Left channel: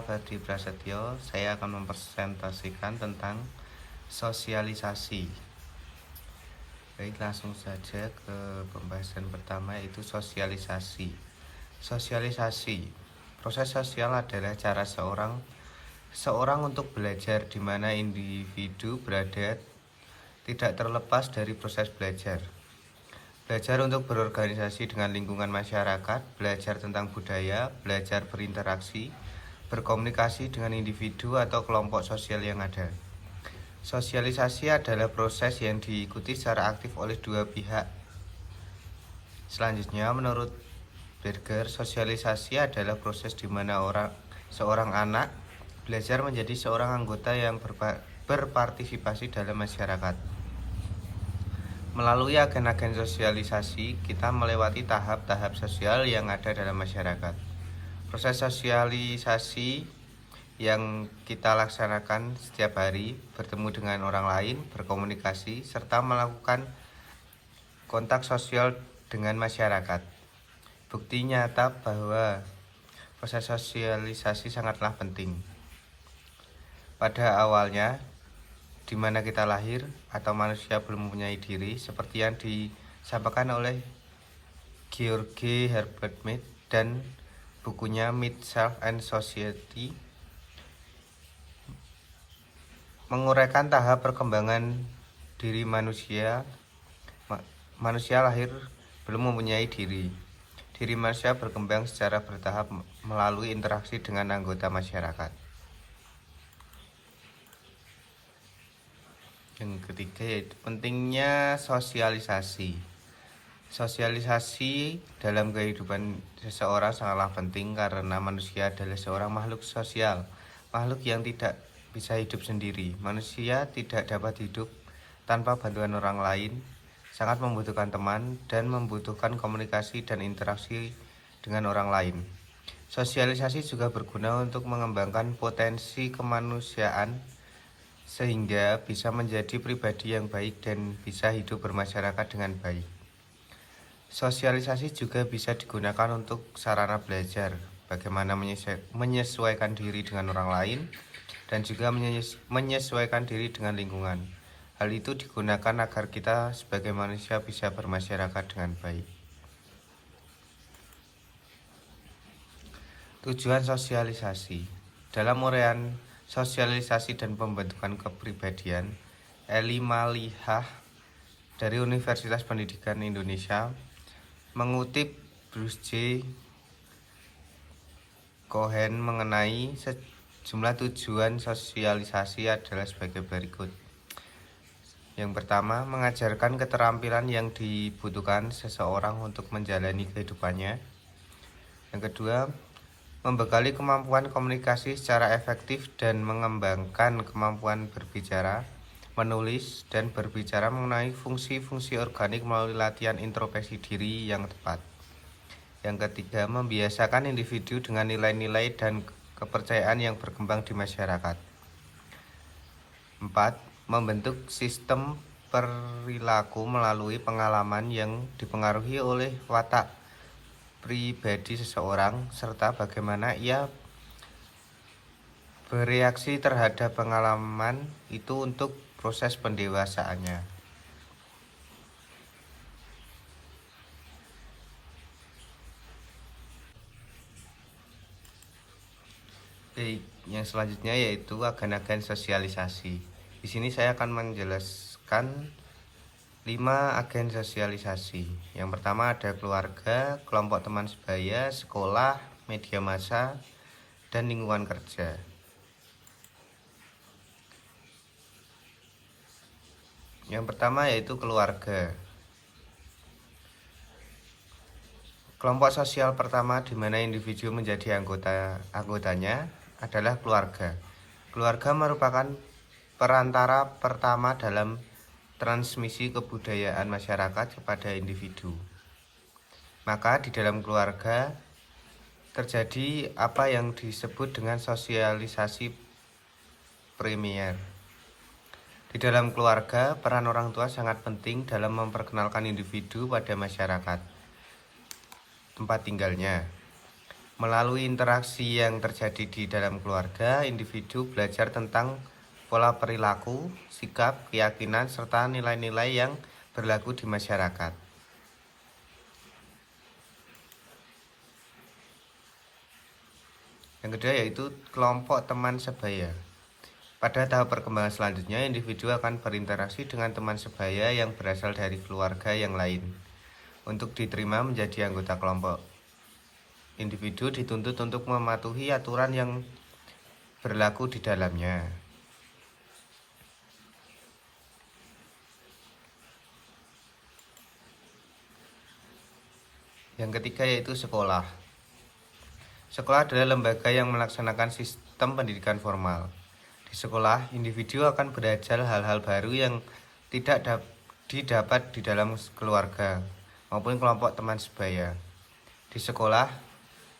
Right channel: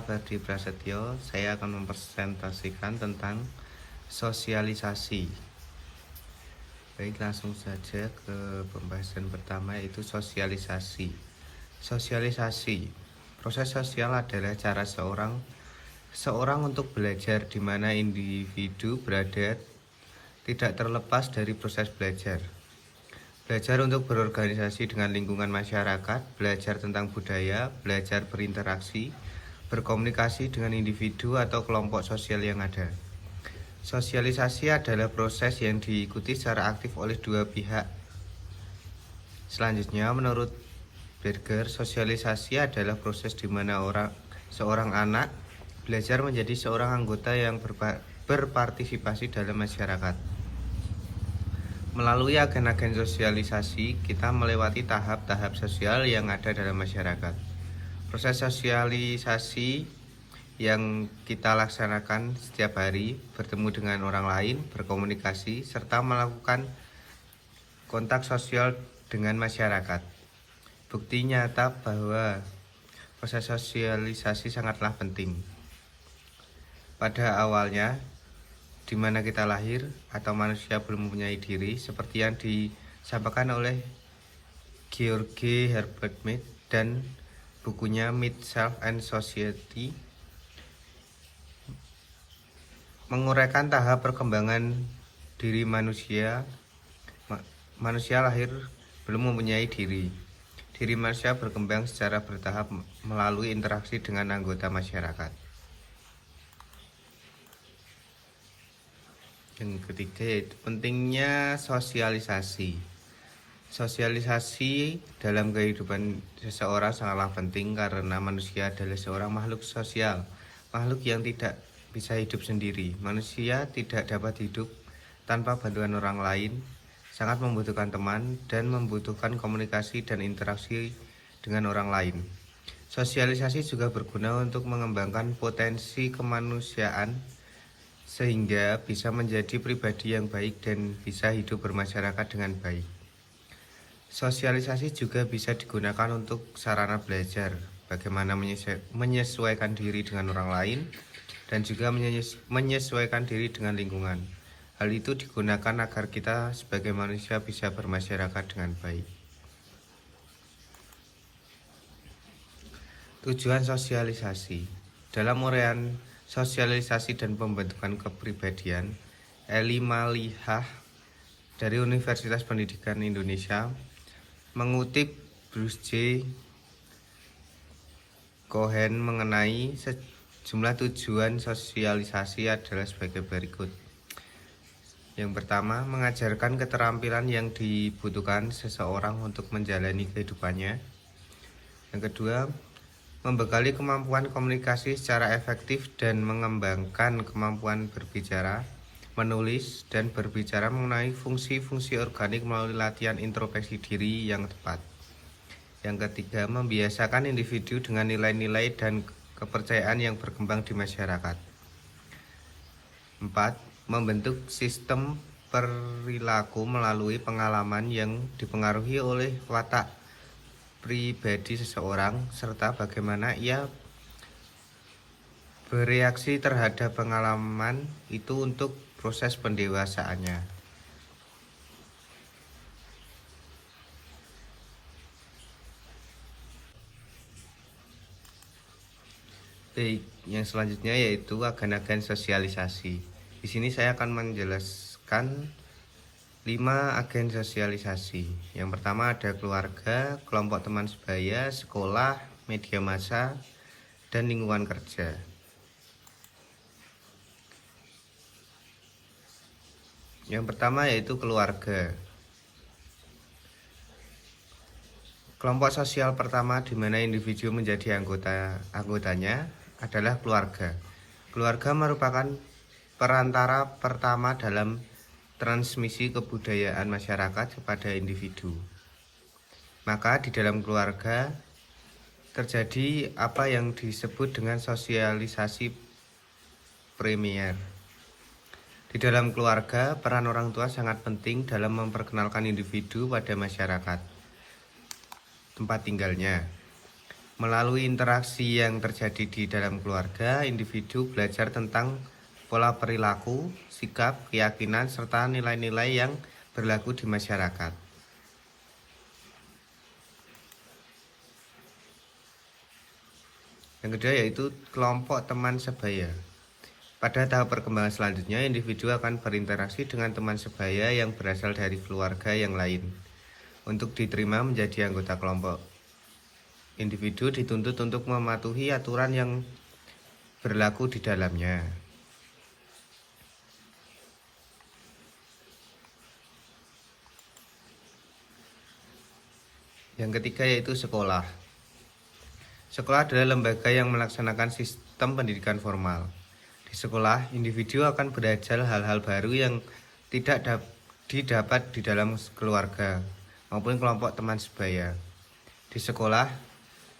Saya Ferdi Prasetyo, saya akan mempresentasikan tentang sosialisasi. Baik, langsung saja ke pembahasan pertama, yaitu sosialisasi. Sosialisasi, proses sosial adalah cara seorang untuk belajar, di mana individu berada tidak terlepas dari proses belajar. Belajar untuk berorganisasi dengan lingkungan masyarakat, belajar tentang budaya, belajar berinteraksi, berkomunikasi dengan individu atau kelompok sosial yang ada. Sosialisasi adalah proses yang diikuti secara aktif oleh dua pihak. Selanjutnya, menurut Berger, sosialisasi adalah proses di mana seorang anak belajar menjadi seorang anggota yang berpartisipasi dalam masyarakat. Melalui agen-agen sosialisasi, kita melewati tahap-tahap sosial yang ada dalam masyarakat. Proses sosialisasi yang kita laksanakan setiap hari, bertemu dengan orang lain, berkomunikasi, serta melakukan kontak sosial dengan masyarakat. Bukti nyata bahwa proses sosialisasi sangatlah penting. Pada awalnya, di mana kita lahir atau manusia belum mempunyai diri, seperti yang disampaikan oleh George Herbert Mead dan bukunya Mead, Self and Society, menguraikan tahap perkembangan diri manusia. Manusia lahir belum mempunyai diri. Diri manusia berkembang secara bertahap melalui interaksi dengan anggota masyarakat. Yang ketiga, yaitu pentingnya sosialisasi. Sosialisasi dalam kehidupan seseorang sangatlah penting karena manusia adalah seorang makhluk sosial, makhluk yang tidak bisa hidup sendiri. Manusia tidak dapat hidup tanpa bantuan orang lain, sangat membutuhkan teman dan membutuhkan komunikasi dan interaksi dengan orang lain. Sosialisasi juga berguna untuk mengembangkan potensi kemanusiaan sehingga bisa menjadi pribadi yang baik dan bisa hidup bermasyarakat dengan baik. Sosialisasi juga bisa digunakan untuk sarana belajar, bagaimana menyesuaikan diri dengan orang lain dan juga menyesuaikan diri dengan lingkungan. Hal itu digunakan agar kita sebagai manusia bisa bermasyarakat dengan baik. Tujuan sosialisasi. Dalam uraian sosialisasi dan pembentukan kepribadian, Eli Malihah dari Universitas Pendidikan Indonesia mengutip Bruce J. Cohen mengenai sejumlah tujuan sosialisasi adalah sebagai berikut. Yang pertama, mengajarkan keterampilan yang dibutuhkan seseorang untuk menjalani kehidupannya. Yang kedua, membekali kemampuan komunikasi secara efektif dan mengembangkan kemampuan berbicara, menulis, dan berbicara mengenai fungsi-fungsi organik melalui latihan introspeksi diri yang tepat. Yang ketiga, membiasakan individu dengan nilai-nilai dan kepercayaan yang berkembang di masyarakat. 4. Membentuk sistem perilaku melalui pengalaman yang dipengaruhi oleh watak pribadi seseorang serta bagaimana ia bereaksi terhadap pengalaman itu untuk proses pendewasaannya. Baik, yang selanjutnya yaitu agen-agen sosialisasi. Di sini saya akan menjelaskan 5 agen sosialisasi. Yang pertama ada keluarga, kelompok teman sebaya, sekolah, media massa, dan lingkungan kerja. Yang pertama yaitu keluarga. Kelompok sosial pertama di mana individu menjadi anggotanya adalah keluarga. Keluarga merupakan perantara pertama dalam transmisi kebudayaan masyarakat kepada individu. Maka di dalam keluarga terjadi apa yang disebut dengan sosialisasi primer. Di dalam keluarga, peran orang tua sangat penting dalam memperkenalkan individu pada masyarakat tempat tinggalnya. Melalui interaksi yang terjadi di dalam keluarga, individu belajar tentang pola perilaku, sikap, keyakinan, serta nilai-nilai yang berlaku di masyarakat. Yang kedua yaitu kelompok teman sebaya. Pada tahap perkembangan selanjutnya, individu akan berinteraksi dengan teman sebaya yang berasal dari keluarga yang lain untuk diterima menjadi anggota kelompok. Individu dituntut untuk mematuhi aturan yang berlaku di dalamnya. Yang ketiga yaitu sekolah. Sekolah adalah lembaga yang melaksanakan sistem pendidikan formal. Di sekolah, individu akan belajar hal-hal baru yang tidak didapat di dalam keluarga maupun kelompok teman sebaya. Di sekolah,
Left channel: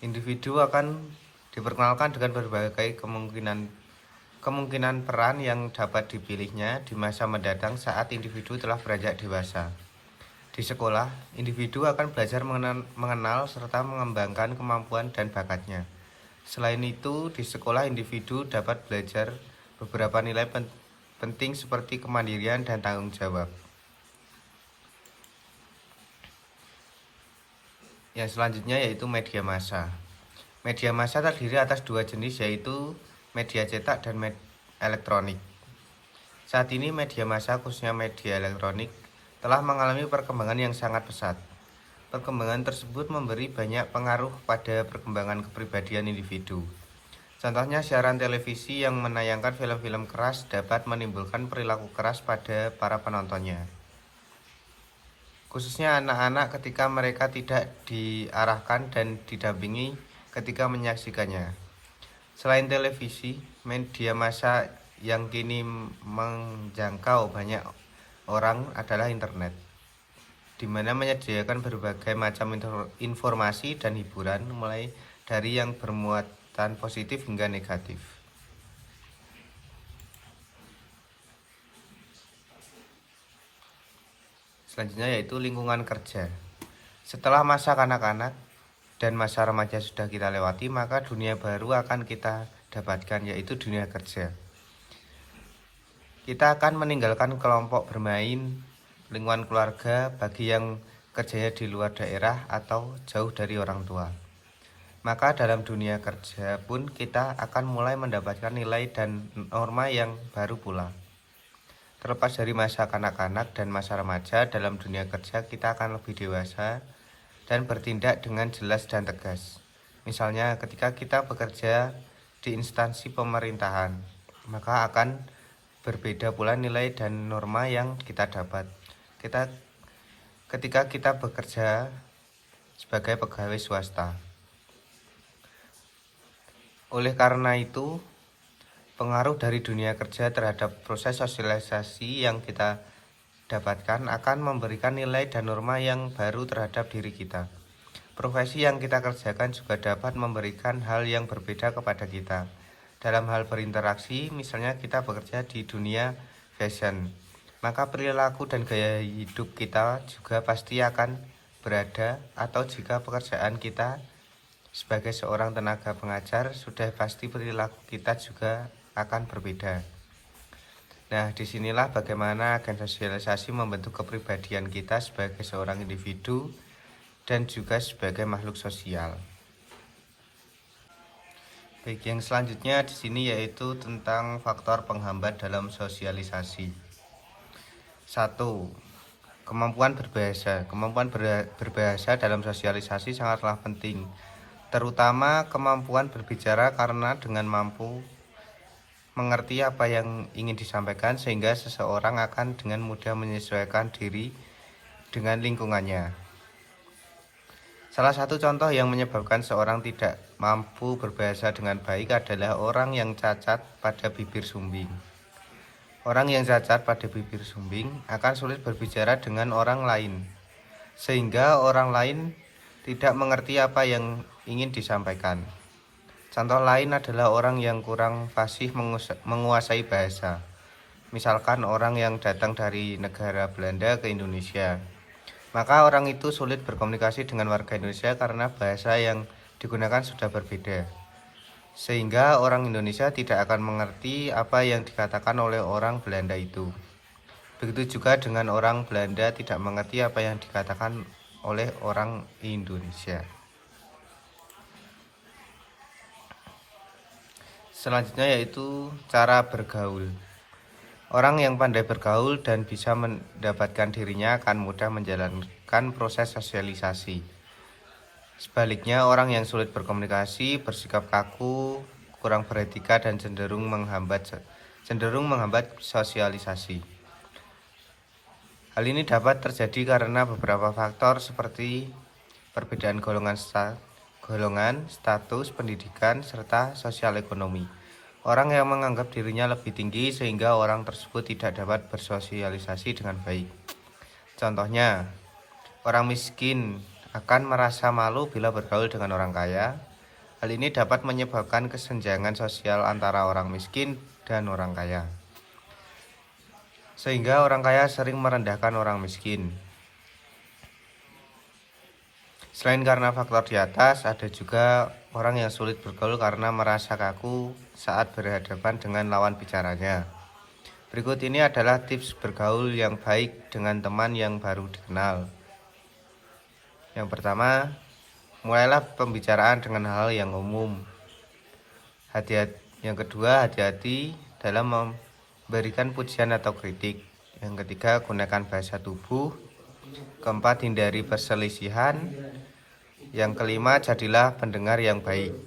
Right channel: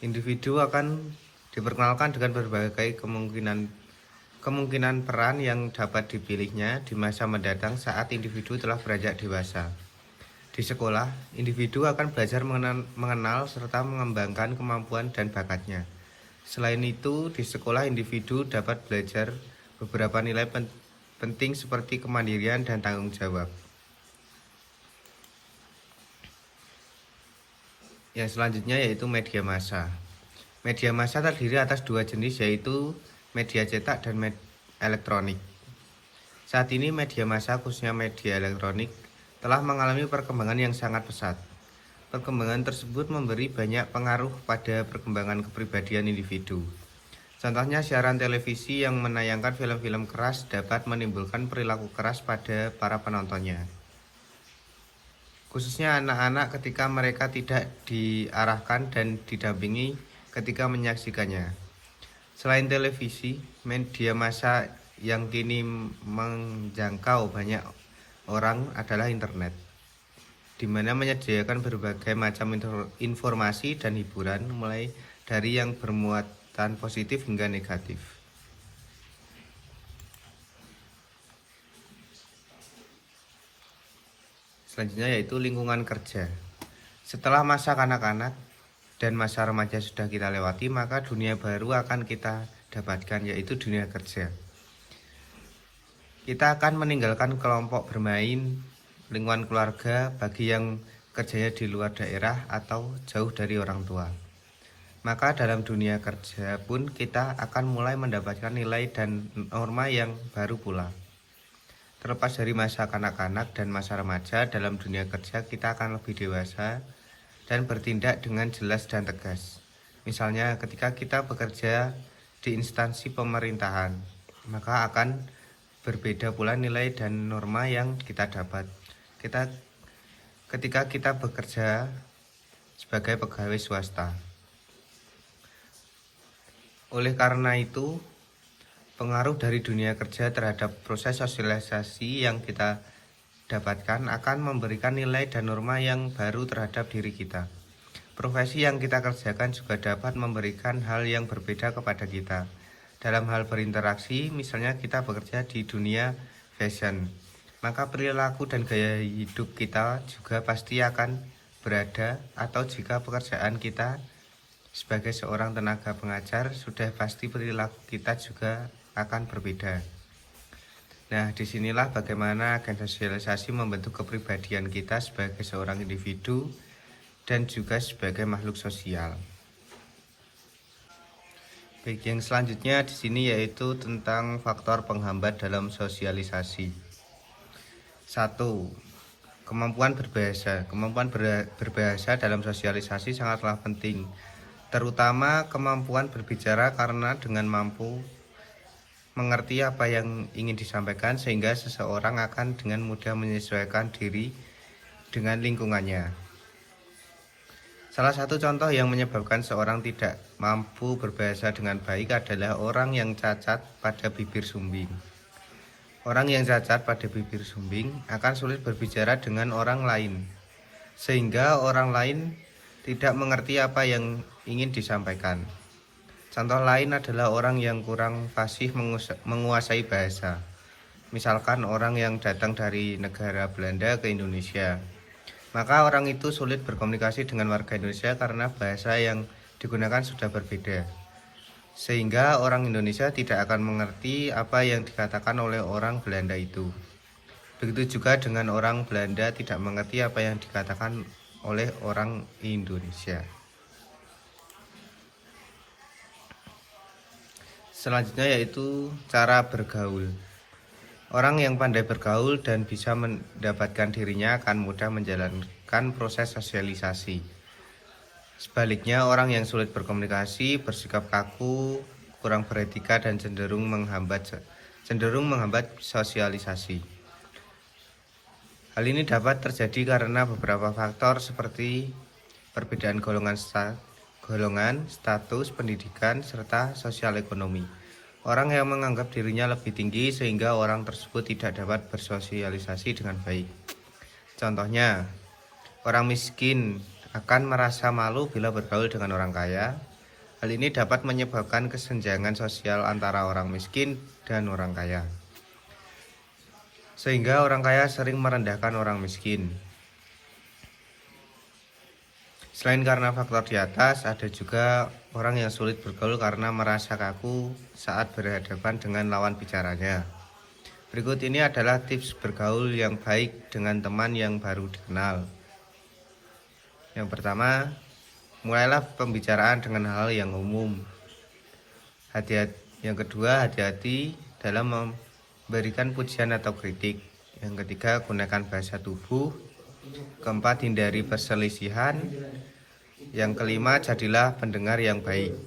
individu akan diperkenalkan dengan berbagai kemungkinan peran yang dapat dipilihnya di masa mendatang saat individu telah beranjak dewasa. Di sekolah, individu akan belajar mengenal serta mengembangkan kemampuan dan bakatnya. Selain itu, di sekolah individu dapat belajar beberapa nilai penting seperti kemandirian dan tanggung jawab. Yang selanjutnya yaitu media massa. Media massa terdiri atas dua jenis, yaitu media cetak dan elektronik. Saat ini media massa, khususnya media elektronik, telah mengalami perkembangan yang sangat pesat. Perkembangan tersebut memberi banyak pengaruh pada perkembangan kepribadian individu. Contohnya, siaran televisi yang menayangkan film-film keras dapat menimbulkan perilaku keras pada para penontonnya, khususnya anak-anak ketika mereka tidak diarahkan dan didampingi ketika menyaksikannya. Selain televisi, media massa yang kini menjangkau banyak orang adalah internet, di mana menyediakan berbagai macam informasi dan hiburan, mulai dari yang bermuatan positif hingga negatif. Selanjutnya yaitu lingkungan kerja. Setelah masa kanak-kanak dan masa remaja sudah kita lewati, maka dunia baru akan kita dapatkan, yaitu dunia kerja. Kita akan meninggalkan kelompok bermain, lingkungan keluarga bagi yang kerjanya di luar daerah atau jauh dari orang tua. Maka dalam dunia kerja pun kita akan mulai mendapatkan nilai dan norma yang baru pula. Terlepas dari masa kanak-kanak dan masa remaja, dalam dunia kerja kita akan lebih dewasa dan bertindak dengan jelas dan tegas. Misalnya ketika kita bekerja di instansi pemerintahan, maka akan berbeda pula nilai dan norma yang kita dapat ketika kita bekerja sebagai pegawai swasta. Oleh karena itu, pengaruh dari dunia kerja terhadap proses sosialisasi yang kita dapatkan akan memberikan nilai dan norma yang baru terhadap diri kita. Profesi yang kita kerjakan juga dapat memberikan hal yang berbeda kepada kita. Dalam hal berinteraksi, misalnya kita bekerja di dunia fashion, maka perilaku dan gaya hidup kita juga pasti akan berada, atau jika pekerjaan kita sebagai seorang tenaga pengajar, sudah pasti perilaku kita juga akan berbeda. Nah, disinilah bagaimana agen sosialisasi membentuk kepribadian kita sebagai seorang individu dan juga sebagai makhluk sosial. Baik, yang selanjutnya di sini yaitu tentang faktor penghambat dalam sosialisasi. 1. Kemampuan berbahasa. Kemampuan berbahasa dalam sosialisasi sangatlah penting, terutama kemampuan berbicara, karena dengan mampu mengerti apa yang ingin disampaikan, sehingga seseorang akan dengan mudah menyesuaikan diri dengan lingkungannya. Salah satu contoh yang menyebabkan seorang tidak mampu berbahasa dengan baik adalah orang yang cacat pada bibir sumbing. Orang yang cacat pada bibir sumbing akan sulit berbicara dengan orang lain, sehingga orang lain tidak mengerti apa yang ingin disampaikan. Contoh lain adalah orang yang kurang fasih menguasai bahasa. Misalkan orang yang datang dari negara Belanda ke Indonesia, maka orang itu sulit berkomunikasi dengan warga Indonesia karena bahasa yang digunakan sudah berbeda, sehingga orang Indonesia tidak akan mengerti apa yang dikatakan oleh orang Belanda itu. Begitu juga dengan orang Belanda tidak mengerti apa yang dikatakan oleh orang Indonesia. Selanjutnya yaitu cara bergaul. Orang yang pandai bergaul dan bisa mendapatkan dirinya akan mudah menjalankan proses sosialisasi. Sebaliknya, orang yang sulit berkomunikasi, bersikap kaku, kurang beretika dan cenderung menghambat sosialisasi. Hal ini dapat terjadi karena beberapa faktor seperti perbedaan golongan, status pendidikan, serta sosial ekonomi. Orang yang menganggap dirinya lebih tinggi sehingga orang tersebut tidak dapat bersosialisasi dengan baik. Contohnya, orang miskin akan merasa malu bila bergaul dengan orang kaya. Hal ini dapat menyebabkan kesenjangan sosial antara orang miskin dan orang kaya, sehingga orang kaya sering merendahkan orang miskin. Selain karena faktor di atas, ada juga orang yang sulit bergaul karena merasa kaku saat berhadapan dengan lawan bicaranya. Berikut ini adalah tips bergaul yang baik dengan teman yang baru dikenal. Yang pertama, mulailah pembicaraan dengan hal yang umum. Yang kedua, hati-hati dalam memberikan pujian atau kritik. Yang ketiga, gunakan bahasa tubuh. Keempat, hindari perselisihan. Yang kelima, jadilah pendengar yang baik.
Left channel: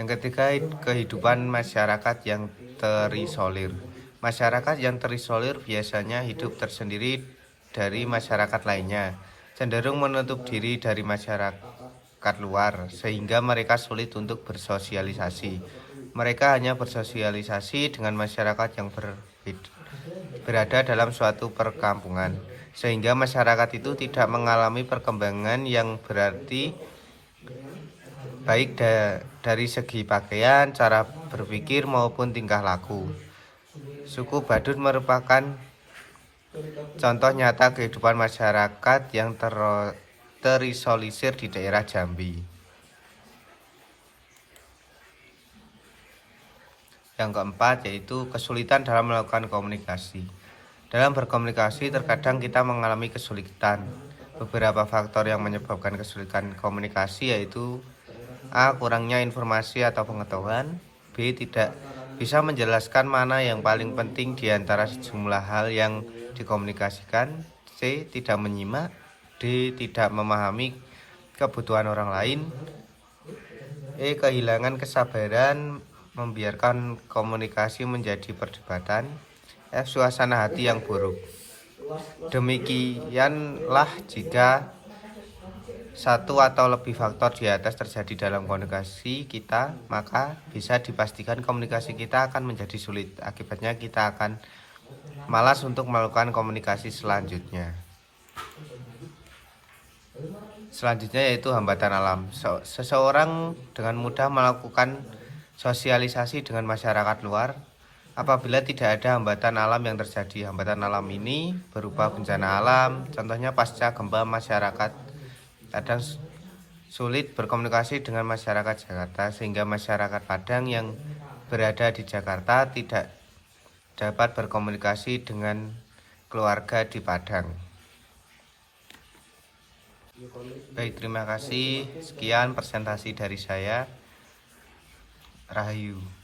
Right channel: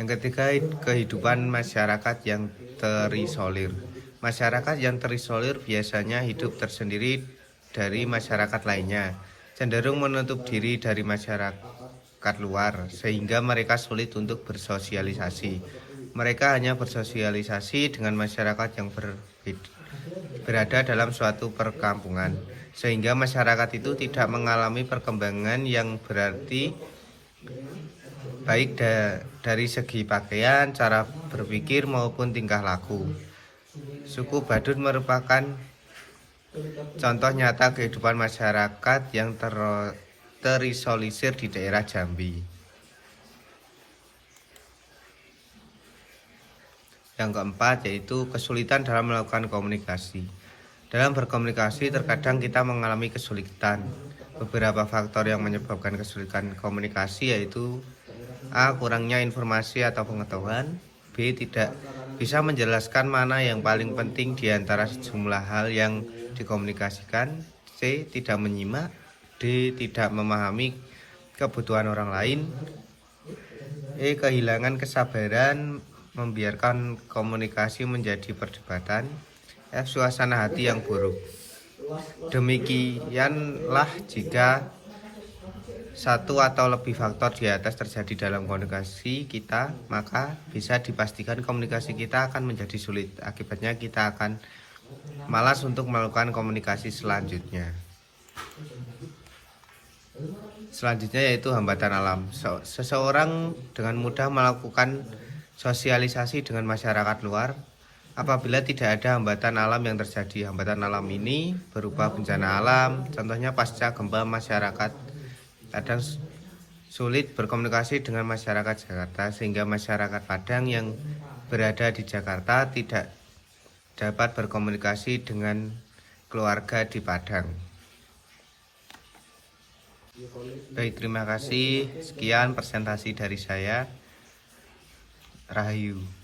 Yang ketiga, kehidupan masyarakat yang terisolir. Masyarakat yang terisolir biasanya hidup tersendiri dari masyarakat lainnya, cenderung menutup diri dari masyarakat luar, sehingga mereka sulit untuk bersosialisasi. Mereka hanya bersosialisasi dengan masyarakat yang berada dalam suatu perkampungan, sehingga masyarakat itu tidak mengalami perkembangan yang berarti baik dari segi pakaian, cara berpikir maupun tingkah laku. Suku Badut merupakan contoh nyata kehidupan masyarakat yang terisolir di daerah Jambi. Yang keempat yaitu kesulitan dalam melakukan komunikasi. Dalam berkomunikasi terkadang kita mengalami kesulitan. Beberapa faktor yang menyebabkan kesulitan komunikasi yaitu A. Kurangnya informasi atau pengetahuan. B. Tidak bisa menjelaskan mana yang paling penting di antara sejumlah hal yang dikomunikasikan. C. Tidak menyimak. D. Tidak memahami kebutuhan orang lain. E. Kehilangan kesabaran, membiarkan komunikasi menjadi perdebatan. F. Suasana hati yang buruk. Demikianlah jika satu atau lebih faktor di atas terjadi dalam komunikasi kita, maka bisa dipastikan komunikasi kita akan menjadi sulit. Akibatnya kita akan malas untuk melakukan komunikasi selanjutnya. Selanjutnya yaitu hambatan alam. Seseorang dengan mudah melakukan sosialisasi dengan masyarakat luar apabila tidak ada hambatan alam yang terjadi. Hambatan alam ini berupa bencana alam, contohnya pasca gempa. Masyarakat kadang sulit berkomunikasi dengan masyarakat Jakarta, sehingga masyarakat Padang yang berada di Jakarta tidak dapat berkomunikasi dengan keluarga di Padang. Baik, terima kasih. Sekian presentasi dari saya. Rahayu.